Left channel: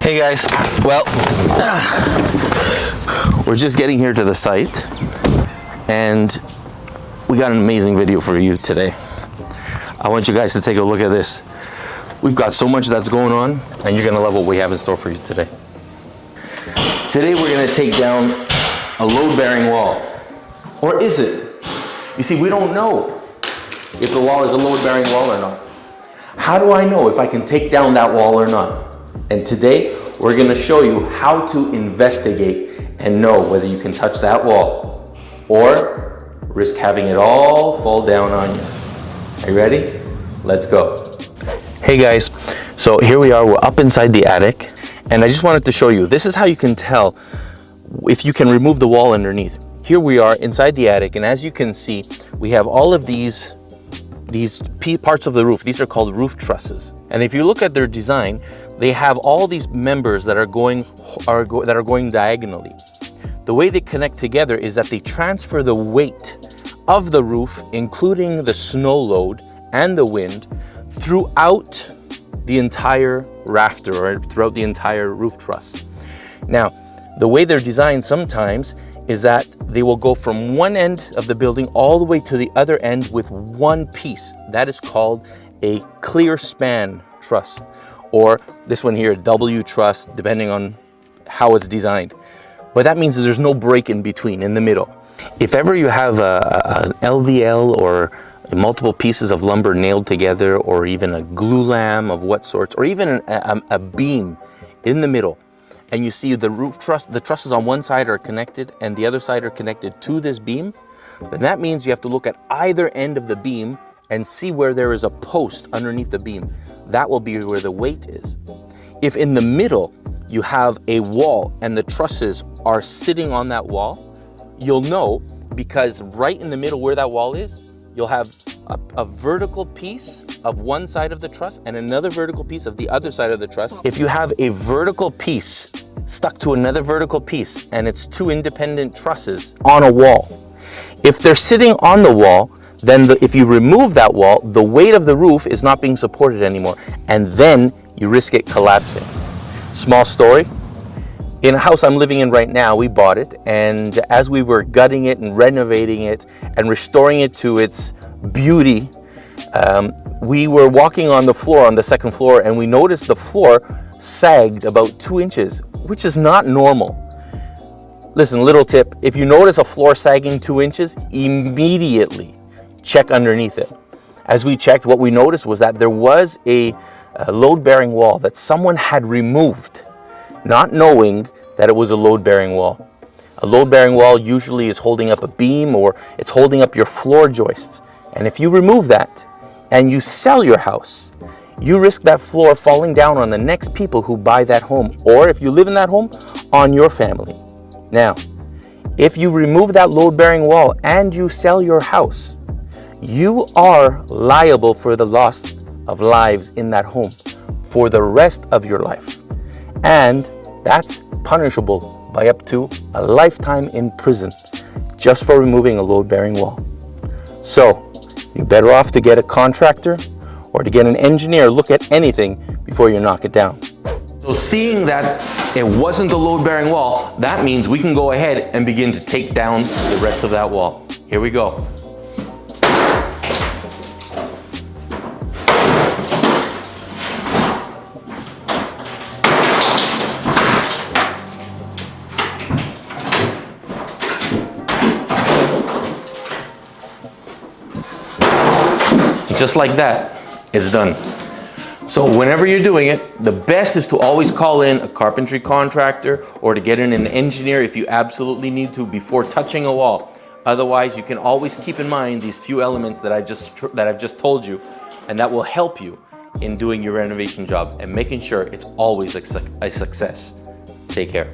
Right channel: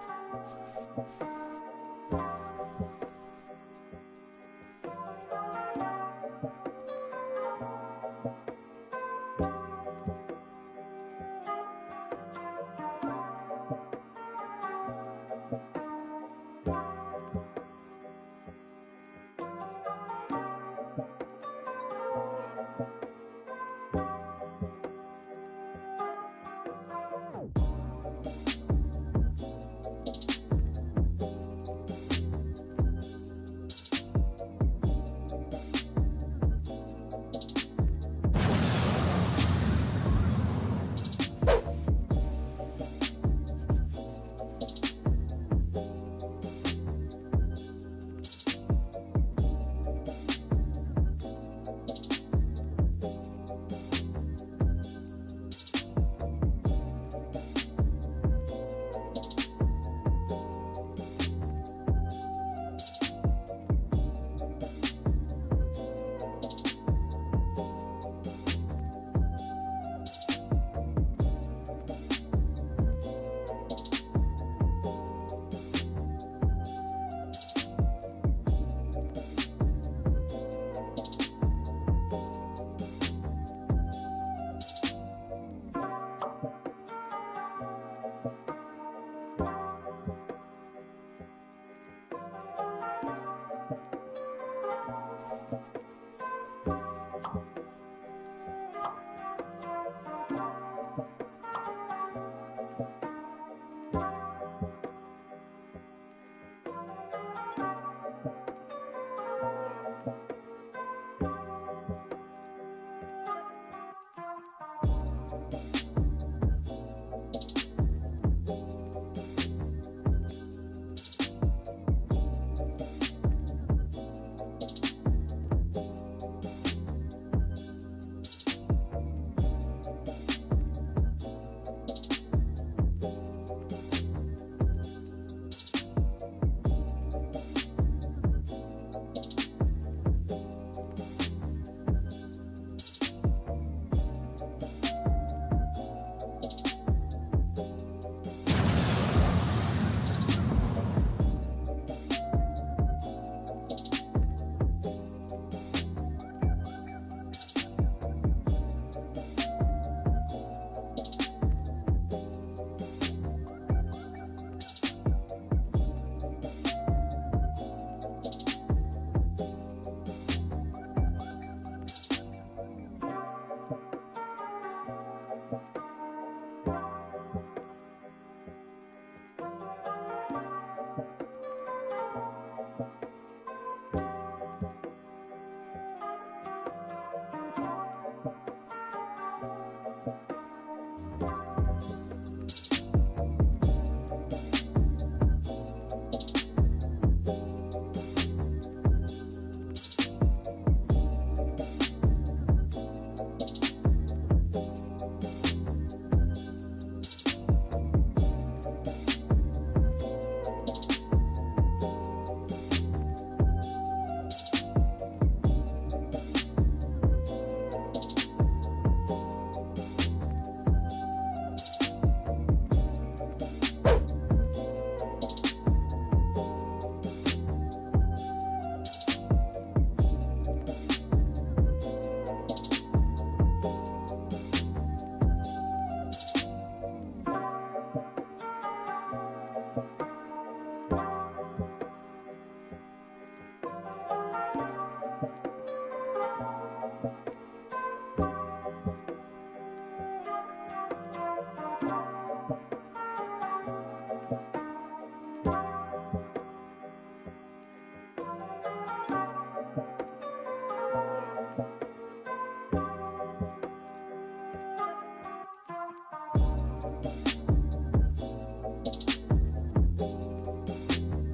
Hey guys, well, we're just getting here to the site and we got an amazing video for you today. I want you guys to take a look at this. We've got so much that's going on and you're gonna love what we have in store for you today. Today we're gonna take down a load-bearing wall. Or is it? You see, we don't know if the wall is a load-bearing wall or not. How do I know if I can take down that wall or not? And today, we're gonna show you how to investigate and know whether you can touch that wall or risk having it all fall down on you. Are you ready? Let's go. Hey guys, so here we are, we're up inside the attic, and I just wanted to show you, this is how you can tell if you can remove the wall underneath. Here we are inside the attic, and as you can see, we have all of these parts of the roof. These are called roof trusses. And if you look at their design, they have all these members that are going diagonally. The way they connect together is that they transfer the weight of the roof, including the snow load and the wind, throughout the entire rafter or throughout the entire roof truss. Now, the way they're designed sometimes is that they will go from one end of the building all the way to the other end with one piece. That is called a clear span truss, or this one here, W truss, depending on how it's designed. But that means that there's no break in between, in the middle. If ever you have an LVL or multiple pieces of lumber nailed together, or even a glue lam of what sorts, or even a beam in the middle, and you see the roof truss, the trusses on one side are connected and the other side are connected to this beam, then that means you have to look at either end of the beam and see where there is a post underneath the beam. That will be where the weight is. If in the middle you have a wall and the trusses are sitting on that wall, you'll know, because right in the middle where that wall is, you'll have a vertical piece of one side of the truss and another vertical piece of the other side of the truss. If you have a vertical piece stuck to another vertical piece and it's two independent trusses on a wall, if they're sitting on the wall, then if you remove that wall, the weight of the roof is not being supported anymore, and then you risk it collapsing. Small story. In a house I'm living in right now, we bought it, and as we were gutting it and renovating it and restoring it to its beauty, we were walking on the floor, on the second floor, and we noticed the floor sagged about 2 inches, which is not normal. Listen, little tip, if you notice a floor sagging 2 inches, immediately check underneath it. As we checked, what we noticed was that there was a load-bearing wall that someone had removed, not knowing that it was a load-bearing wall. A load-bearing wall usually is holding up a beam, or it's holding up your floor joists. And if you remove that and you sell your house, you risk that floor falling down on the next people who buy that home, or if you live in that home, on your family. Now, if you remove that load-bearing wall and you sell your house, you are liable for the loss of lives in that home for the rest of your life. And that's punishable by up to a lifetime in prison just for removing a load-bearing wall. So, you're better off to get a contractor or to get an engineer look at anything before you knock it down. So seeing that it wasn't the load-bearing wall, that means we can go ahead and begin to take down the rest of that wall. Here we go. Just like that, it's done. So whenever you're doing it, the best is to always call in a carpentry contractor or to get in an engineer if you absolutely need to before touching a wall. Otherwise, you can always keep in mind these few elements that I've just told you, and that will help you in doing your renovation job and making sure it's always a success. Take care.